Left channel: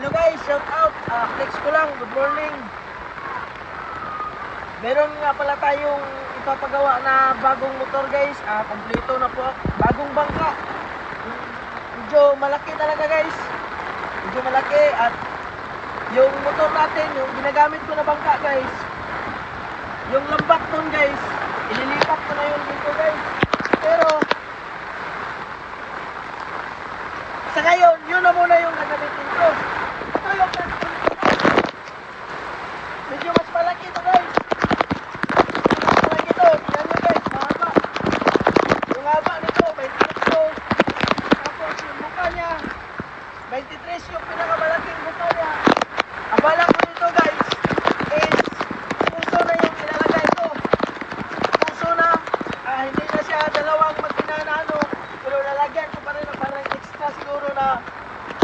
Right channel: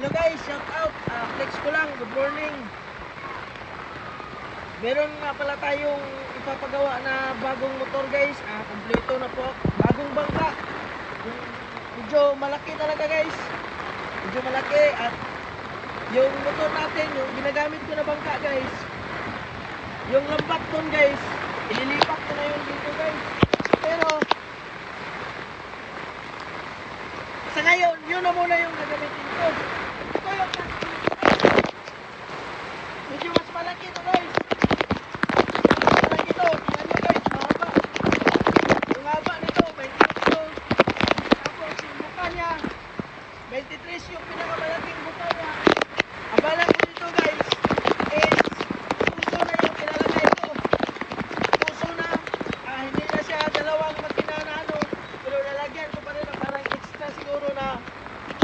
Hello guys, shout out. Flex ko lang, good morning. Meron nga pala tayong ipapagawa na bagong motor guys. Kompleto na po. Bagong bangka. Medyo malaki talaga guys. Medyo malaki at yung motor natin, yung ginagamit ko na bangka guys. Yung lambat dun guys, ililipat ko na yun dito guys. Pero sa ngayon, yun na muna yung gagamitin ko. Ito yung medyo mas malaki ito guys. Malaki ito. Tignan nyo guys, mahaba. Yung haba nito, 22. Tapos yung buka niya, 23 yung pinakamalaking buka niya. Abala ko nito guys, is puso na yung ilalagay ko. Puso na, hindi na siya dalawang makina na ano. Pero lalagyan ko pa rin ang parang extra siguro na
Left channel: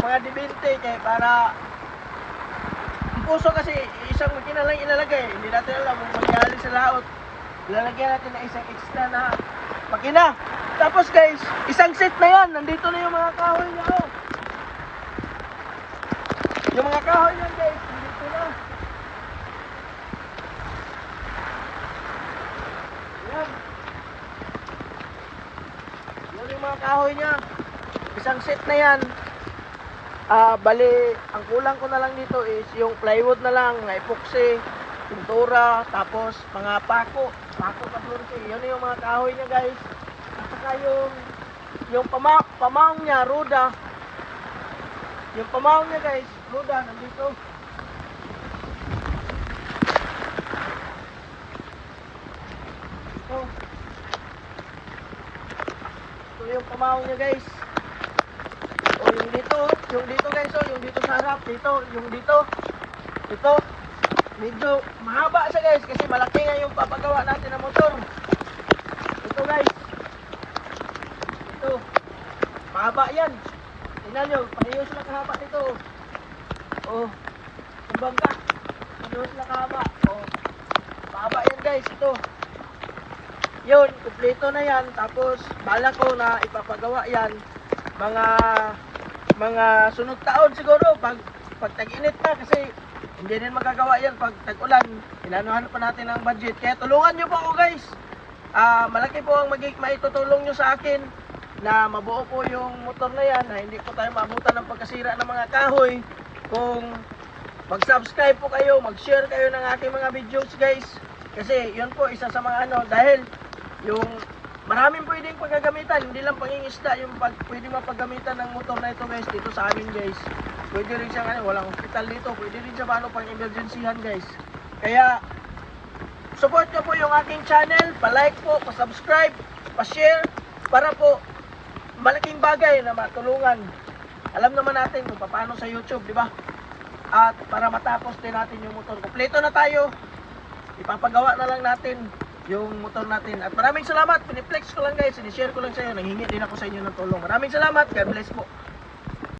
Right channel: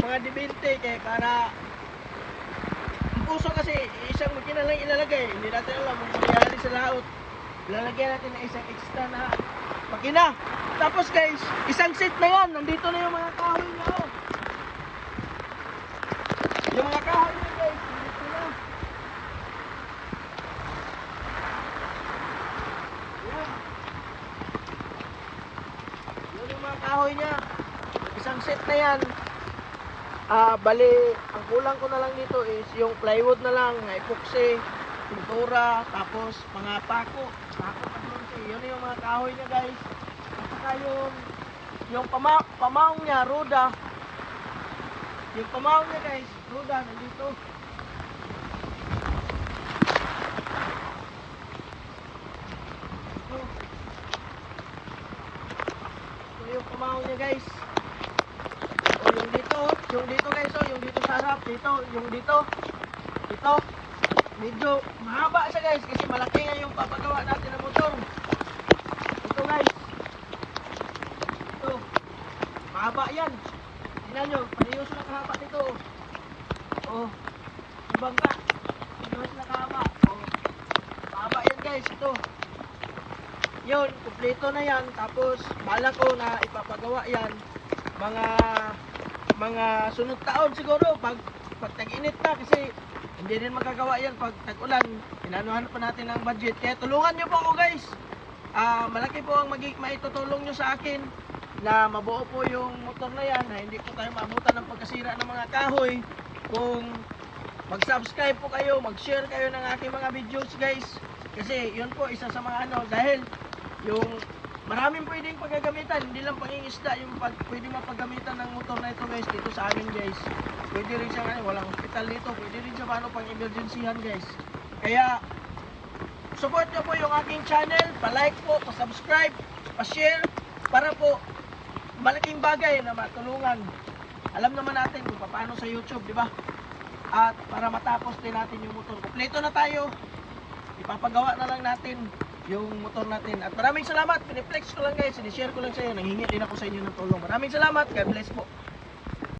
mga dibinte kaya para ang puso kasi isang makina lang ilalagay. Hindi natin alam kung mangyayari sa laot. Ilalagyan natin na isang extra na makina. Tapos guys, isang set na yan. Nandito na yung mga kahoy niya. Oh. Yung mga kahoy niya guys, nandito na. Yan. Yan yung mga kahoy niya. Isang set na yan. Bali, ang kulang ko na lang dito is yung plywood na lang, na epoxy, pintura, tapos mga pako kablonte. Yan yung mga kahoy niya guys. At saka yung pamaong niya, roda. Yung pamaong niya guys, roda, nandito. So yung pamaong niya guys. Yung dito guys, yung dito sa harap, yung dito, medyo mahaba siya guys, kasi malaki nga yung papagawa natin ng motor. Ito guys, ito, mahaba yan. Tingnan nyo, pareho sila kahaba nito. Oh, ang bangka, pareho sila kahaba. Oh, mahaba yan guys, ito. Yun, kumpleto na yan, tapos bala ko na ipapagawa yan mga sunod taon siguro pag tag-init pa kasi hindi din magagawa yan pag tag-ulan. Ilanuhan pa natin ang budget. Kaya tulungan nyo po ako guys. Malaki po ang maitutulong nyo sa akin na mabuo po yung motor na yan, na hindi po tayo maabutan ng pagkasira ng mga kahoy. Kung mag-subscribe po kayo, mag-share kayo ng aking mga videos guys. Kasi yun po isa sa mga dahil yung maraming pwedeng paggagamitan, hindi lang pangingisda yung pwede mapagamitan ng motor na ito guys, dito sa amin guys. Pwede rin siya walang hospital dito, pwede rin siya pang emergencyhan guys. Kaya, support nyo po yung aking channel, pa-like po, pa-subscribe, pa-share, para po malaking bagay na matulungan. Alam naman natin kung paano sa YouTube, di ba? At para matapos din natin yung motor. Kompleto na tayo, ipapagawa na lang natin yung motor natin. At maraming salamat. Piniplex ko lang guys. Sinishare ko lang sa inyo. Nanghingi din ako sa inyo ng tulong. Maraming salamat. God bless po.